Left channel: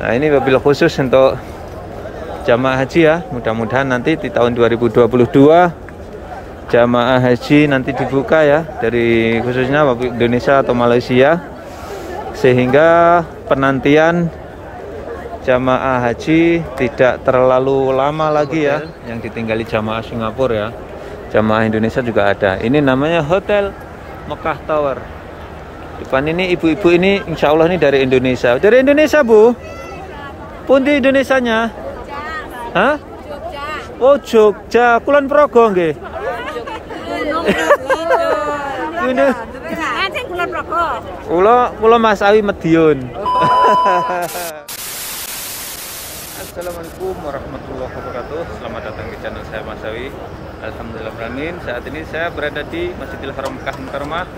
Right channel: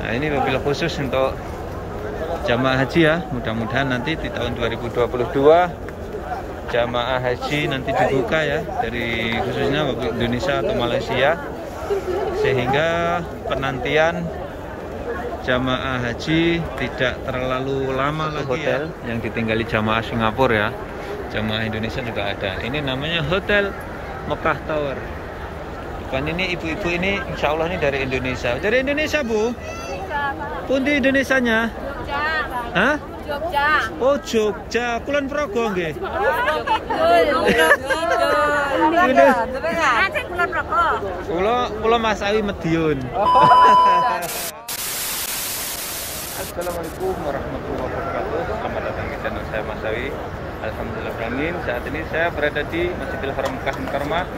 Nah, ini wabil khusus untuk jamaah haji ya. Mudah-mudahan nanti di tahun 2022 jamaah haji nanti dibuka ya, dari khususnya Indonesia atau Malaysia, sehingga penantian jamaah haji tidak terlalu lama lagi ya, yang ditinggali jamaah Singapura ya. Jamaah Indonesia juga ada. Ini namanya Hotel Mekah Tower. Depan ini ibu-ibu ini insya Allah ini dari Indonesia. Dari Indonesia Bu? Pundi Indonesianya? Jogja. Hah? Jogja. Oh Jogja, Kulon Progo nggih. Kula Mas Awi Medion. Assalamualaikum warahmatullahi wabarakatuh. Selamat datang di channel saya Mas Awi. Alhamdulillahirrahmanirrahim. Saat ini saya berada di Masjidil Haram Mekah Mukarramah,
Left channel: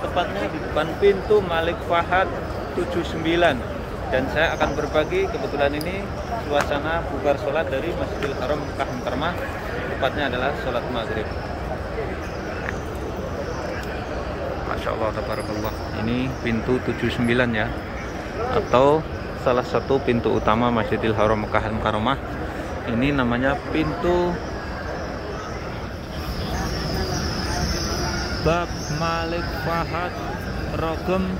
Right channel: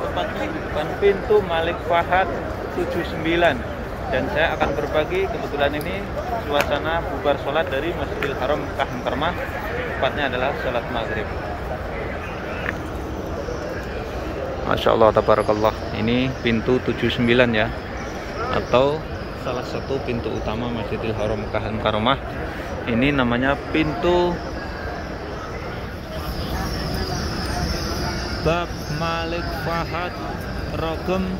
tepatnya di depan pintu Malik Fahad 79. Dan saya akan berbagi, kebetulan ini suasana bubar sholat dari Masjidil Haram Mekah Mukarramah, tepatnya adalah sholat maghrib. Masya Allah, tabarakallah. Ini pintu 79 ya, atau salah satu pintu utama Masjidil Haram Mekah Mukarramah. Ini namanya pintu Bab Malik Fahad Rogem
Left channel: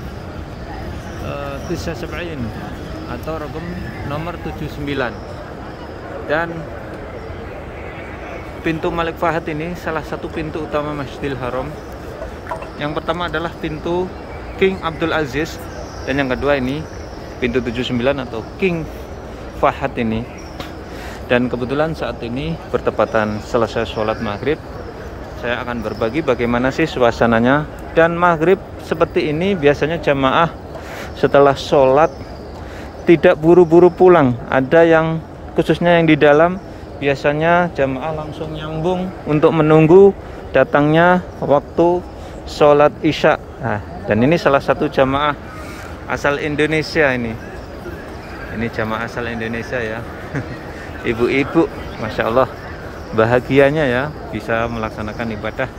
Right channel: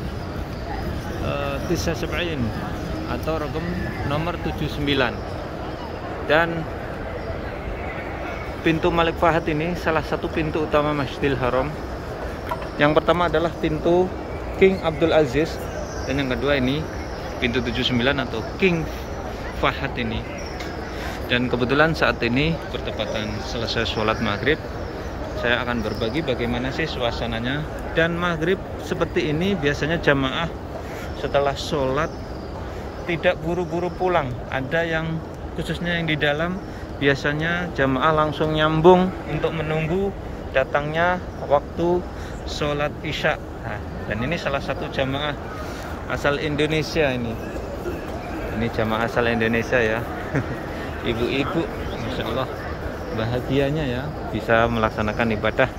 79 atau Rogem nomor 79. Dan pintu Malik Fahad ini salah satu pintu utama Masjidil Haram. Yang pertama adalah pintu King Abdul Aziz, dan yang kedua ini pintu 79 atau King Fahad ini. Dan kebetulan saat ini bertepatan selesai sholat maghrib, saya akan berbagi bagaimana sih suasananya. Dan maghrib seperti ini biasanya jamaah setelah sholat tidak buru-buru pulang. Ada yang khususnya yang di dalam, biasanya jamaah langsung nyambung untuk menunggu datangnya waktu sholat isya. Nah, dan ini salah satu jamaah asal Indonesia ini. Ini jamaah asal Indonesia ya. Ibu-ibu, Masya Allah, bahagianya ya bisa melaksanakan ibadah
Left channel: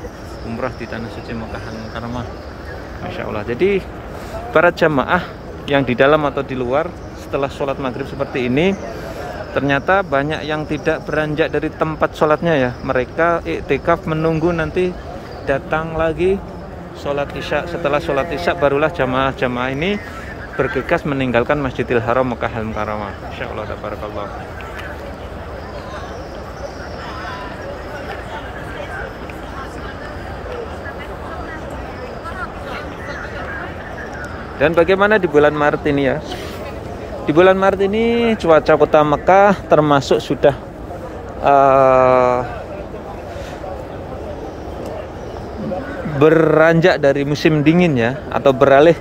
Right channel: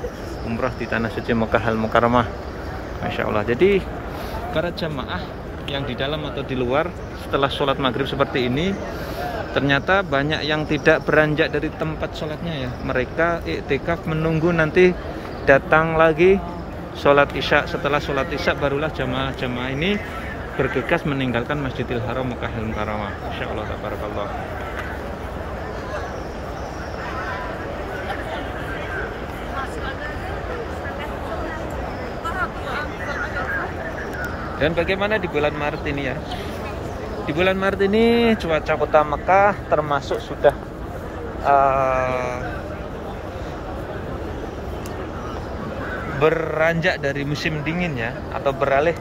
umrah di tanah suci Mekah Al-Mukarramah. Masya Allah. Jadi para jamaah yang di dalam atau di luar setelah sholat maghrib seperti ini, ternyata banyak yang tidak beranjak dari tempat sholatnya ya. Mereka iktikaf menunggu nanti datang lagi sholat isya. Setelah sholat isya barulah jamaah-jamaah ini bergegas meninggalkan Masjidil Haram Mekah Al-Mukarramah. Insya Allah, tabarakallah. Dan bagaimana di bulan Maret ini ya? Di bulan Maret ini cuaca kota Mekah termasuk sudah beranjak dari musim dingin ya, atau beralih.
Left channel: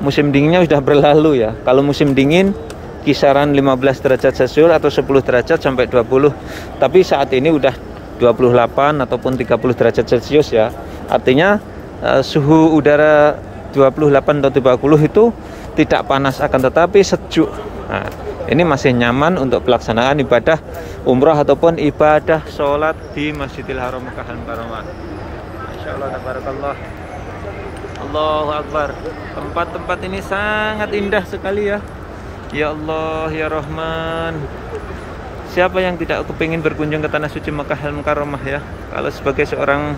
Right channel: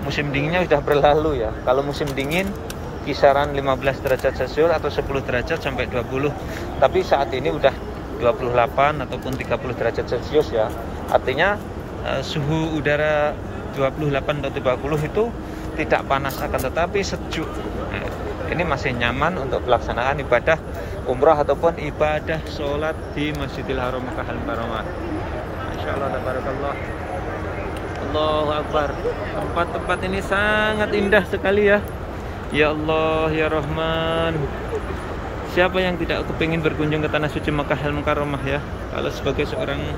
Musim dinginnya sudah berlalu ya. Kalau musim dingin kisaran 15 derajat Celcius atau 10 derajat sampai 20. Tapi saat ini udah 28 ataupun 30 derajat Celcius ya. Artinya suhu udara 28 atau 30 itu tidak panas, akan tetapi sejuk. Nah, ini masih nyaman untuk pelaksanaan ibadah umrah ataupun ibadah sholat di Masjidil Haram Mekah Al-Mukarramah. Masya Allah, tabarakallah. Allahu Akbar. Tempat-tempat ini sangat indah sekali ya. Ya Allah, ya Rahman. Siapa yang tidak kepingin berkunjung ke tanah suci Mekah Al-Mukarramah ya? Kalau sebagai seorang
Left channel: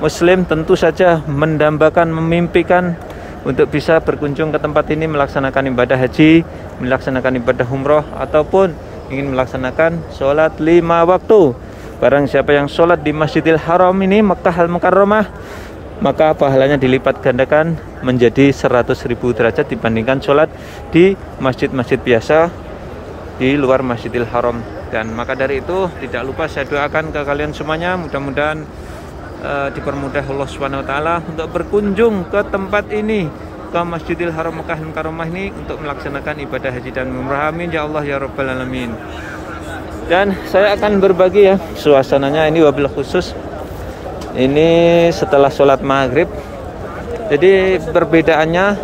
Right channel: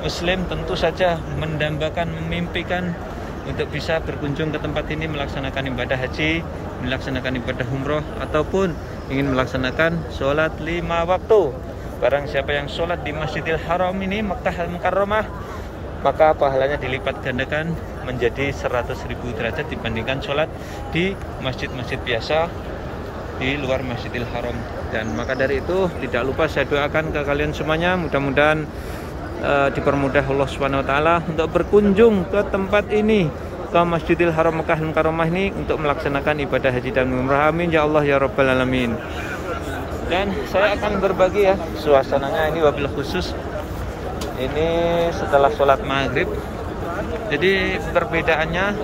Muslim tentu saja mendambakan, memimpikan untuk bisa berkunjung ke tempat ini, melaksanakan ibadah haji, melaksanakan ibadah umroh, ataupun ingin melaksanakan sholat 5 waktu. Barang siapa yang sholat di Masjidil Haram ini Mekah Al-Mukarramah, maka pahalanya dilipat gandakan menjadi 100.000 derajat dibandingkan sholat di masjid-masjid biasa di luar Masjidil Haram. Dan maka dari itu tidak lupa saya doakan ke kalian semuanya, mudah-mudahan dipermudah Allah Subhanahu wa taala untuk berkunjung ke tempat ini, ke Masjidil Haram Mekah Al-Mukarramah ini, untuk melaksanakan ibadah haji dan umrah. Amin ya Allah ya Rabbal alamin. Dan saya akan berbagi ya suasananya ini wabil khusus. Ini setelah sholat maghrib. Jadi perbedaannya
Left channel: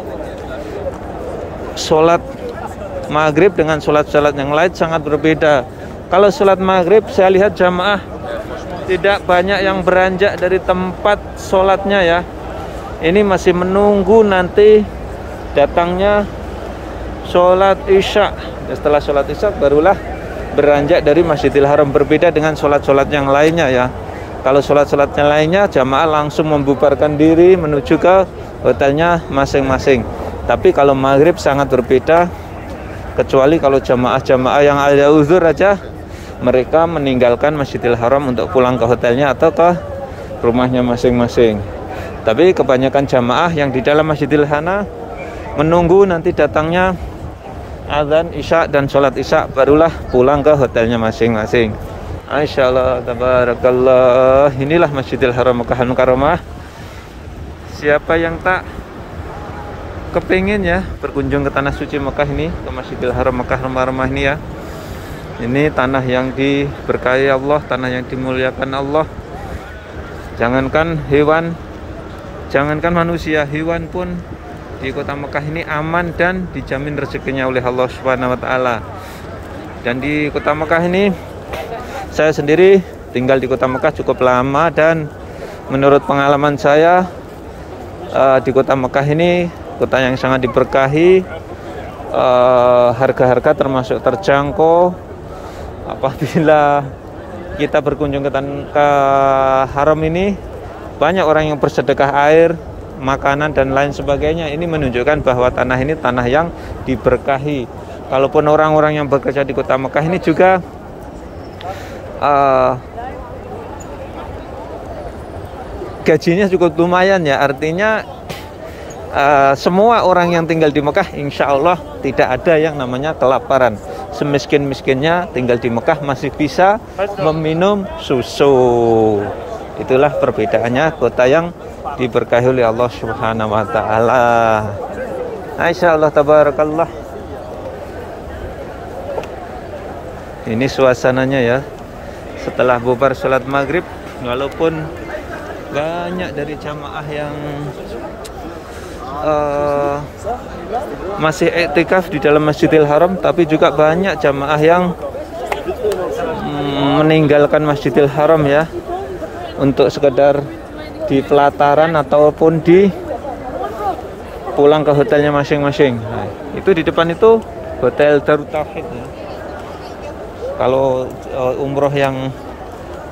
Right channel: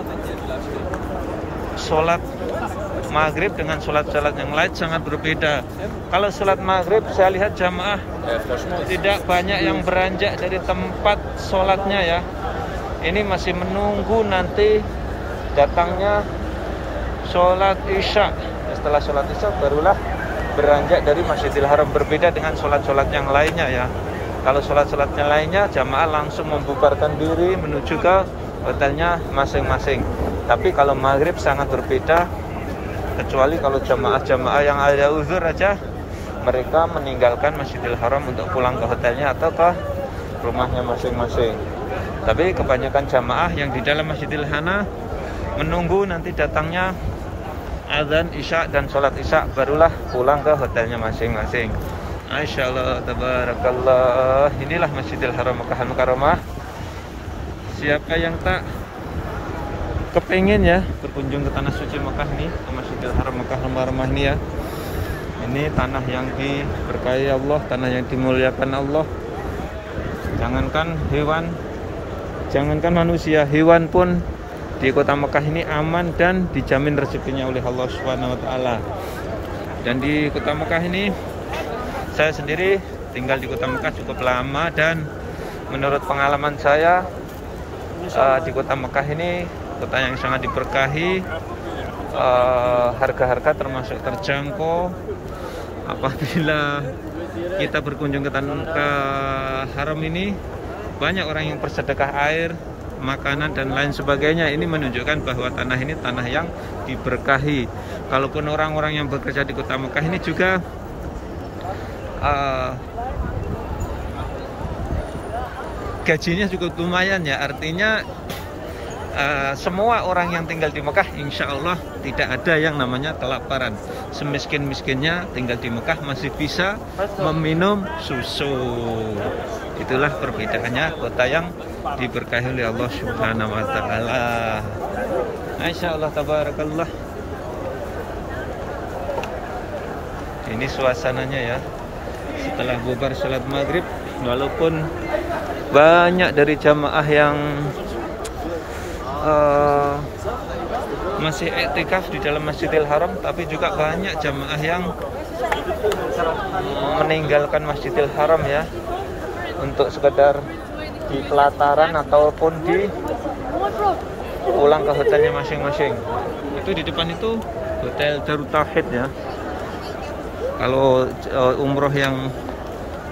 sholat maghrib dengan sholat-sholat yang lain sangat berbeda. Kalau sholat maghrib saya lihat jamaah tidak banyak yang beranjak dari tempat sholatnya ya. Ini masih menunggu nanti datangnya sholat isya. Setelah sholat isya barulah beranjak dari Masjidil Haram. Berbeda dengan sholat-sholat yang lainnya ya. Kalau sholat-sholatnya lainnya jamaah langsung membubarkan diri menuju ke hotelnya masing-masing. Tapi kalau maghrib sangat berbeda, kecuali kalau jamaah-jamaah yang ada uzur aja, mereka meninggalkan Masjidil Haram untuk pulang ke hotelnya atau ke rumahnya masing-masing. Tapi kebanyakan jamaah yang di dalam Masjidil Haram menunggu nanti datangnya azan isya dan sholat isya, barulah pulang ke hotelnya masing-masing. Insyaallah tabarakallah. Inilah Masjidil Haram Makkah Al-Mukarramah. Siapa yang tak kepengen ya berkunjung ke tanah suci Mekah ini, ke Masjidil Haram Makkah Al-Mukarramah ini ya. Ini tanah yang diberkahi Allah, tanah yang dimuliakan Allah. Jangankan hewan, jangankan manusia, hewan pun di kota Mekah ini aman dan dijamin rezekinya oleh Allah Subhanahu wa taala. Dan di kota Mekah ini, saya sendiri tinggal di kota Mekah cukup lama, dan menurut pengalaman saya di kota Mekah ini kota yang sangat diberkahi, harga-harga termasuk terjangkau. Apabila kita berkunjung ke haram ini, banyak orang yang bersedekah air, makanan dan lain sebagainya. Ini menunjukkan bahwa tanah ini tanah yang diberkahi. Kalaupun orang-orang yang bekerja di kota Mekah ini juga gajinya cukup lumayan ya. Artinya semua orang yang tinggal di Mekah insya Allah tidak ada yang namanya kelaparan. Semiskin-miskinnya tinggal di Mekah masih bisa meminum susu. Itulah perbedaannya kota yang diberkahi oleh Allah Subhanahu wa taala. Insya Allah tabarakallah. Ini suasananya ya. Setelah bubar sholat maghrib, walaupun banyak dari jamaah yang masih iktikaf di dalam Masjidil Haram, tapi juga banyak jamaah yang meninggalkan Masjidil Haram ya, untuk sekedar di pelataran ataupun di pulang ke hotelnya masing-masing. Itu di depan itu Hotel Darut Tauhid ya. Kalau umroh yang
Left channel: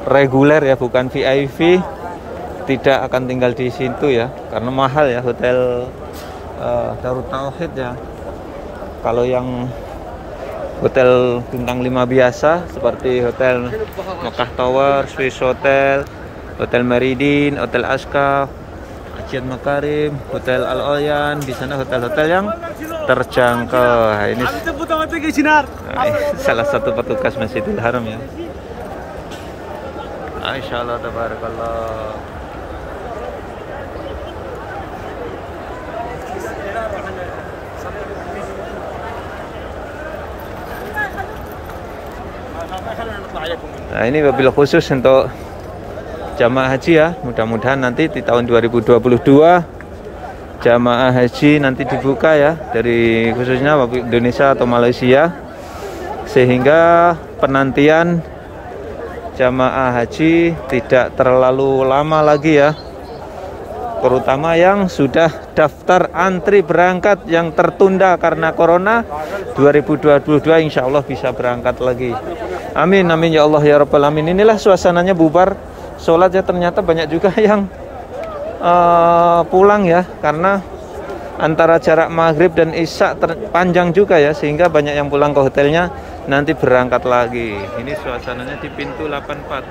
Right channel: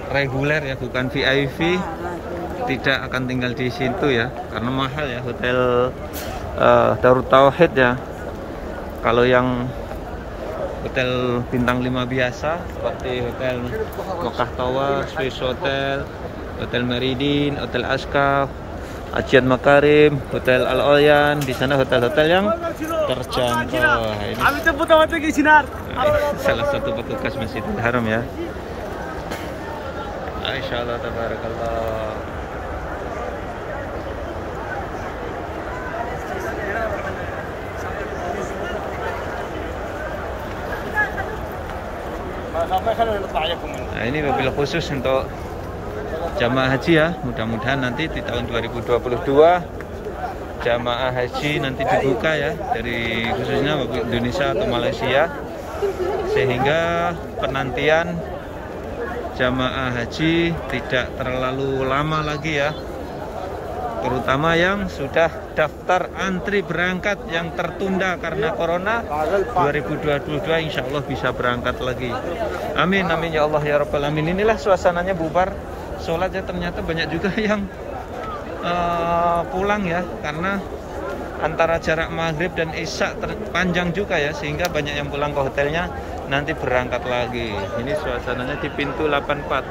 reguler ya, bukan VIP, tidak akan tinggal di situ ya, karena mahal ya Hotel Darut Tauhid ya. Kalau yang hotel bintang 5 biasa seperti Hotel Mekah Tower, Swiss Hotel, Hotel Meridin, Hotel Aska, Ajiat Makarim, Hotel Al Oyan, di sana hotel-hotel yang terjangkau. Ini salah satu petugas Masjidil Haram ya. Insyaallah tabarakallah. Nah, ini mobil khusus untuk jamaah haji ya. Mudah-mudahan nanti di tahun 2022 jamaah haji nanti dibuka ya, dari khususnya Indonesia atau Malaysia, sehingga penantian jamaah haji tidak terlalu lama lagi ya. Terutama yang sudah daftar antri berangkat yang tertunda karena corona, 2022 insya Allah bisa berangkat lagi. Amin amin ya Allah ya Rabbal alamin. Inilah suasananya bubar sholat ya. Ternyata banyak juga yang pulang ya, karena antara jarak maghrib dan isya panjang juga ya, sehingga banyak yang pulang ke hotelnya nanti berangkat lagi. Ini suasananya di pintu 84.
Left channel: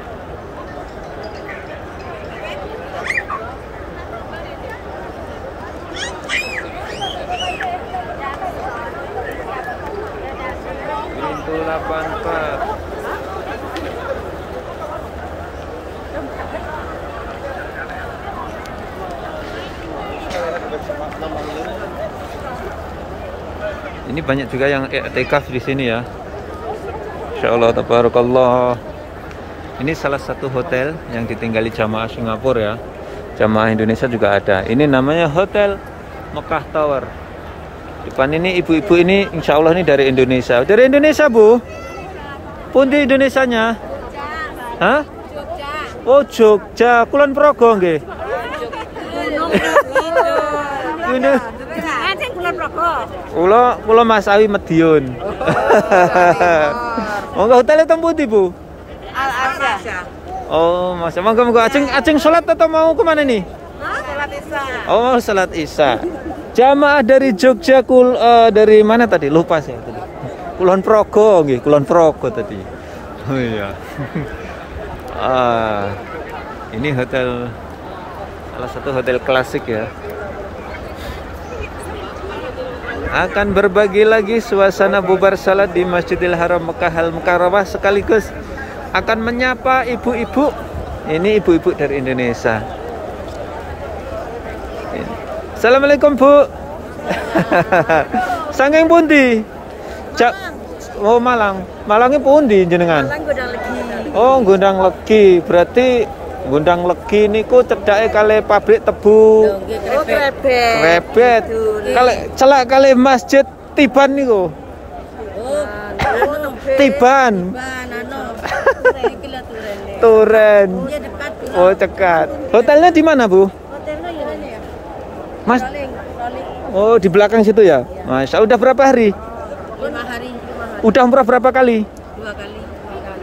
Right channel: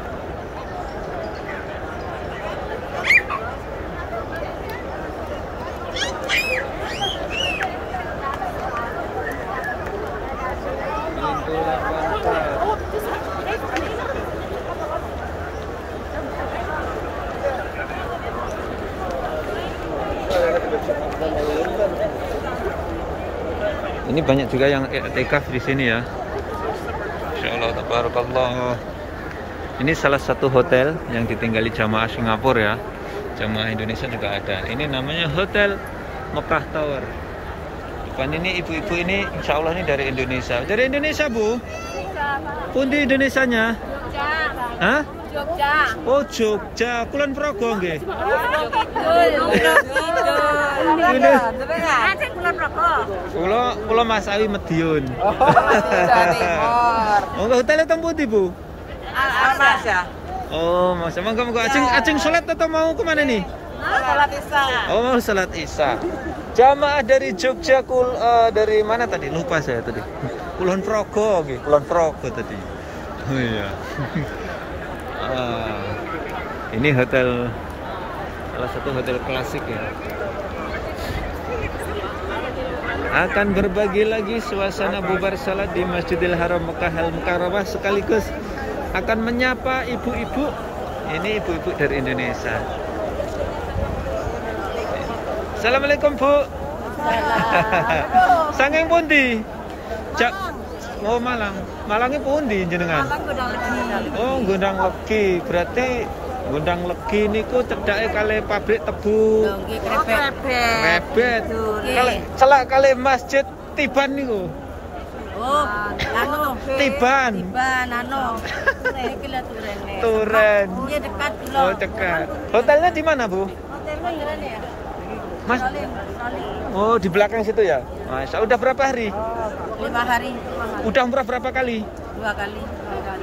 Pintu 84. Ini banyak juga yang i'tikaf di sini ya. Insyaallah tabarakallah. Ini salah satu hotel yang ditinggali jamaah Singapura ya. Jamaah Indonesia juga ada. Ini namanya Hotel Mekah Tower. Depan ini ibu-ibu ini insya Allah ini dari Indonesia. Dari Indonesia Bu? Pundi Indonesianya? Jogja. Hah? Jogja. Oh Jogja. Kulon Progo nggih. Kula Mas Awi Medion. Monggo hotelnya teng pundi, Bu? Al-Asya. Oh, Mas, monggo ajeng salat atau mau kemana nih? Salat Isya. Oh, salat Isya. Jamaah dari Jogja dari mana tadi? Lupa saya tadi. Kulon Progo nggih, Kulon Progo tadi. Oh iya. Ini hotel, salah satu hotel klasik ya. Akan berbagi lagi suasana bubar salat di Masjidil Haram Mekah Al-Mukarramah, sekaligus akan menyapa ibu-ibu. Ini ibu-ibu dari Indonesia. Assalamualaikum, Bu. Sangking pundi? Oh, Malang. Malangnya pundi jenengan? Malang Gondang Legi. Oh, Gondang Legi. Berarti Gondang Legi niku cedake kali pabrik tebu. Nggih, krebet. Krebet. Kali celak kali Masjid Tiban niku. Oh, anu. Tiban. Tiban anu. Turen iki lho turene. Turen. Iya dekat. Oh, dekat. Hotelnya di mana, Bu? Hotelnya ya. Mas. Roling. Oh, di belakang situ ya? Masya, udah berapa hari? 5 hari. Udah umrah berapa kali? 2 kali.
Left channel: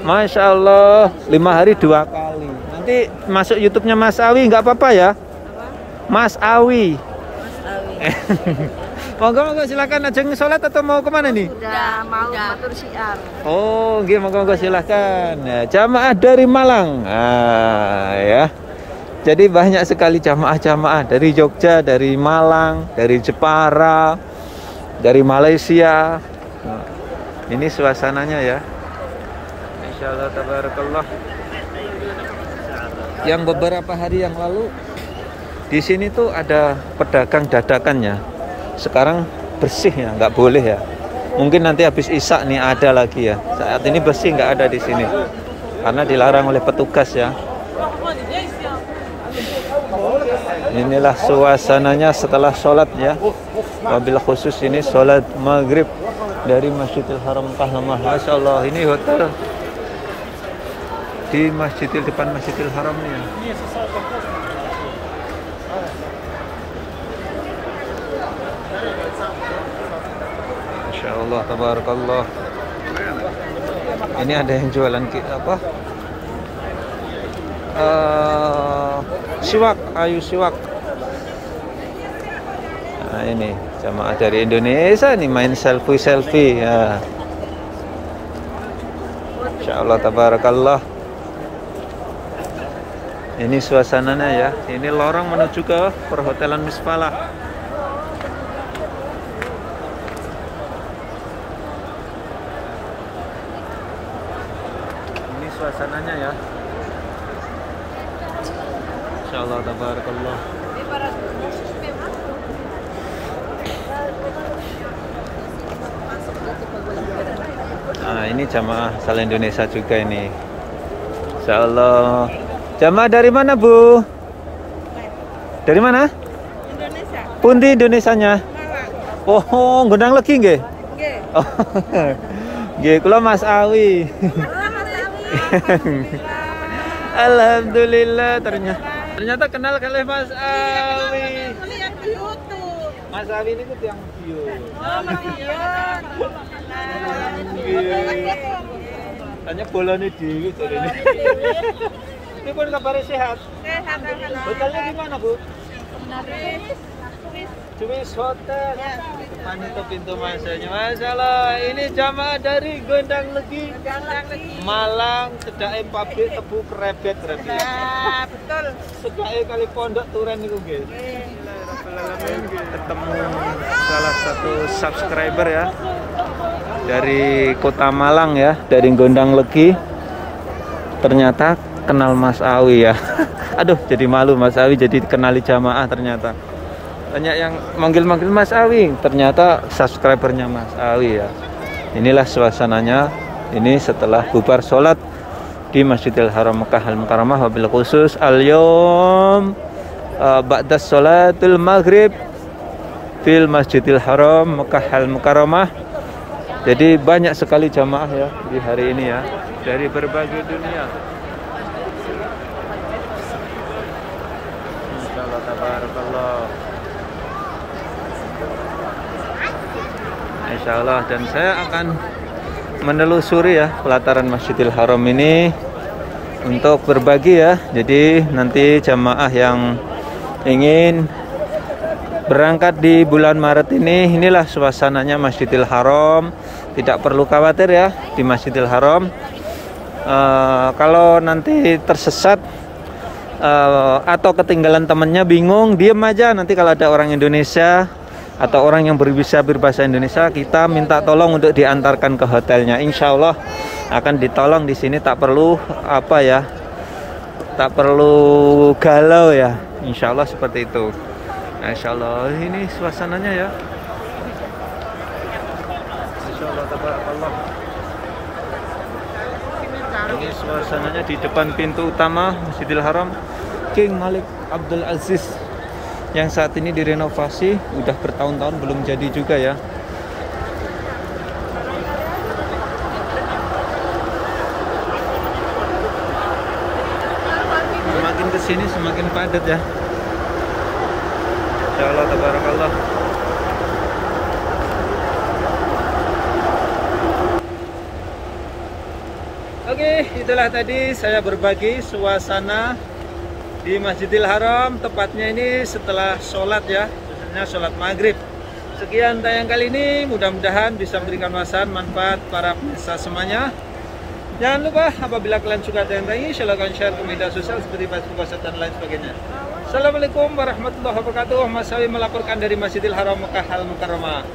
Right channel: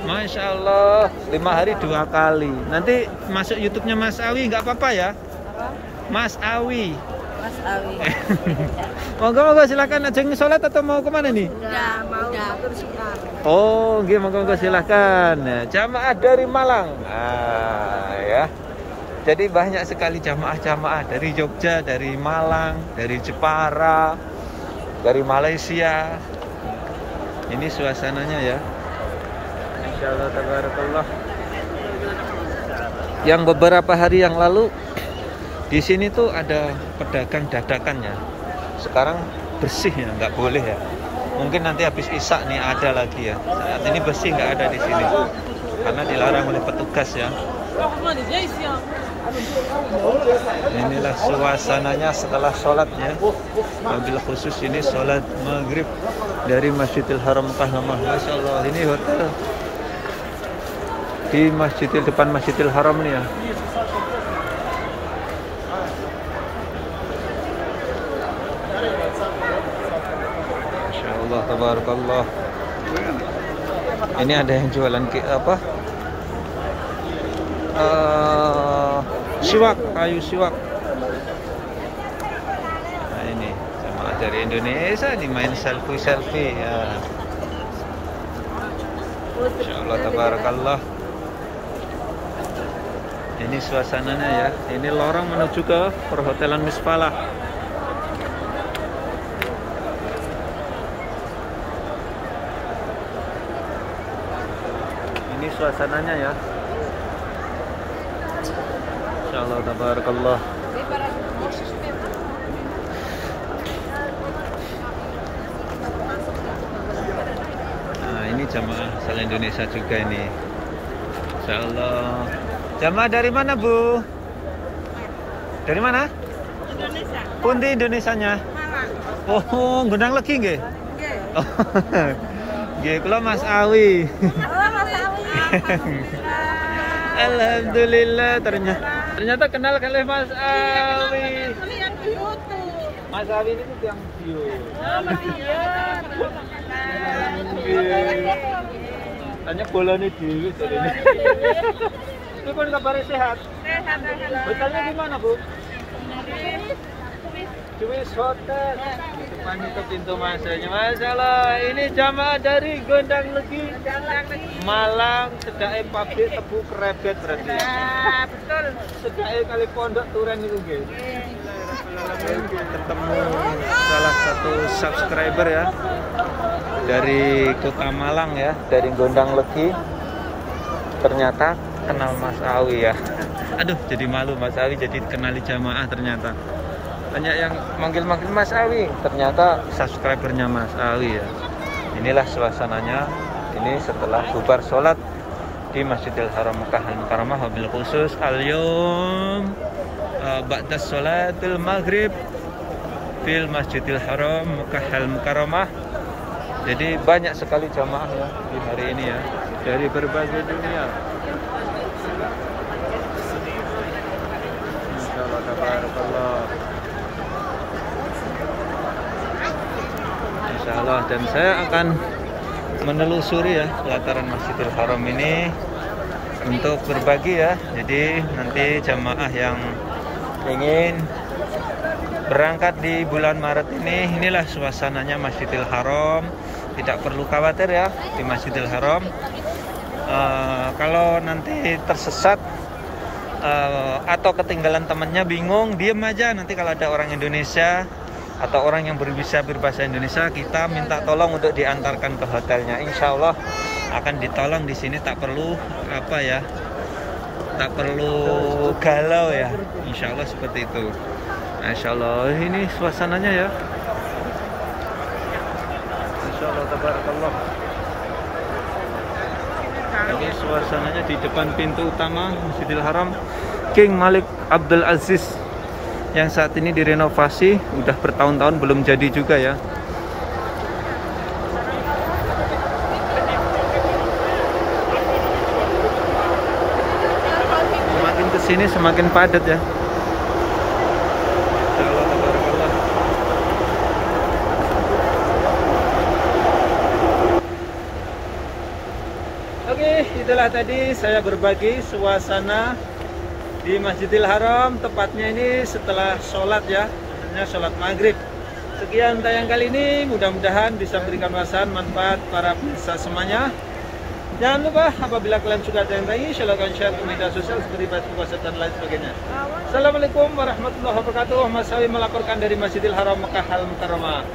Masya Allah, 5 hari 2 kali. Nanti masuk YouTube-nya Mas Awi, nggak apa-apa ya? Apa? Mas Awi. Mas Awi. Monggo silakan ajeng sholat atau mau kemana nih? Udah mau atur siar. Oh, nggih, monggo silakan. Ya, jamaah dari Malang. Ya. Jadi banyak sekali jamaah-jamaah dari Jogja, dari Malang, dari Jepara, dari Malaysia. Ini suasananya ya. Insyaallah tabarakallah. Yang beberapa hari yang lalu di sini tuh ada pedagang dadakannya. Sekarang bersih ya, nggak boleh ya. Mungkin nanti habis Isya nih ada lagi ya. Saat ini bersih nggak ada di sini karena dilarang oleh petugas ya. Inilah suasananya setelah sholat ya. Wabil khusus ini sholat maghrib dari Masjidil Haram Mekah Al-Mukarramah. Masya Allah, ini hotel di depan Masjidil Haram nih ya. Masya Allah, tabarakallah. Ini ada yang jualan apa? Siwak, kayu siwak. Nah, ini jamaah dari Indonesia nih main selfie ya. Insyaallah tabarakallah. Ini suasananya ya. Ini lorong menuju ke perhotelan Misfalah. Ini suasananya ya. Insyaallah tabarakallah. Nah, ini jamaah asal Indonesia juga ini. Insyaallah. Jamaah dari mana, Bu? Dari mana? Indonesia. Pundi Indonesianya? Malang. Oh, Gondang Legi nggih? Nggih. Oh. Nggih, kula Mas Awi. Oh, Mas Awi. Alhamdulillah, ternyata kenal kali Mas Awi. Lihat di YouTube. Mas Awi ini yang bio. Oh, Mas Tanya bolanya dewi jadi ini. Ini pun kabarnya sehat. Sehat, alhamdulillah. Hotelnya di mana, Bu? Di Juwis Hotel. Depan itu pintu masuknya. Masya Allah, ini jamaah dari Gondang Legi, Malang, sedake pabrik tebu krebet berarti. Nah, betul. Sedake kali pondok Turen itu nggih. Bismillahirrahmanirrahim. Ketemu salah satu subscriber ya dari Kota Malang ya, dari Gondang Legi. Ternyata kenal Mas Awi ya. Aduh, jadi malu Mas Awi jadi kenali jamaah ternyata. Banyak yang manggil-manggil Mas Awi, ternyata subscribernya Mas Awi ya. Inilah suasananya. Ini setelah bubar sholat di Masjidil Haram Mekah Al-Mukarramah, wabil khusus al-yawm ba'da sholatul maghrib fil Masjidil Haram Mekah Al-Mukarramah. Jadi banyak sekali jamaah ya di hari ini ya, dari berbagai dunia. Masya Allah tabarakallah. Insya Allah. Dan saya akan menelusuri ya pelataran Masjidil Haram ini untuk berbagi ya. Jadi nanti jamaah yang ingin berangkat di bulan Maret ini, inilah suasananya Masjidil Haram. Tidak perlu khawatir ya di Masjidil Haram. Kalau nanti tersesat atau ketinggalan temannya, bingung, diem aja. Nanti kalau ada orang Indonesia atau orang yang berbahasa Indonesia, kita minta tolong untuk diantarkan ke hotelnya. Insya Allah akan ditolong di sini. Tak perlu apa ya, tak perlu galau ya. Insya Allah seperti itu. Insya Allah ini suasananya ya. Masya Allah, tabarakallah. Ini suasananya di depan pintu utama Masjidil Haram King Malik Abdul Aziz, yang saat ini direnovasi, udah bertahun-tahun belum jadi juga ya. Semakin kesini semakin padat ya. Insya Allah, tabarakallah. Oke, itulah tadi saya berbagi suasana di Masjidil Haram, tepatnya ini setelah sholat ya, sebenarnya sholat maghrib. Sekian tayang kali ini, mudah-mudahan bisa memberikan wawasan manfaat para pemirsa semuanya. Jangan lupa apabila kalian suka tayang ini, silakan share ke media sosial seperti Facebook, WhatsApp dan lain sebagainya. Assalamualaikum warahmatullahi wabarakatuh. Mas Sawi melaporkan dari Masjidil Haram Mekah Al Mukarramah.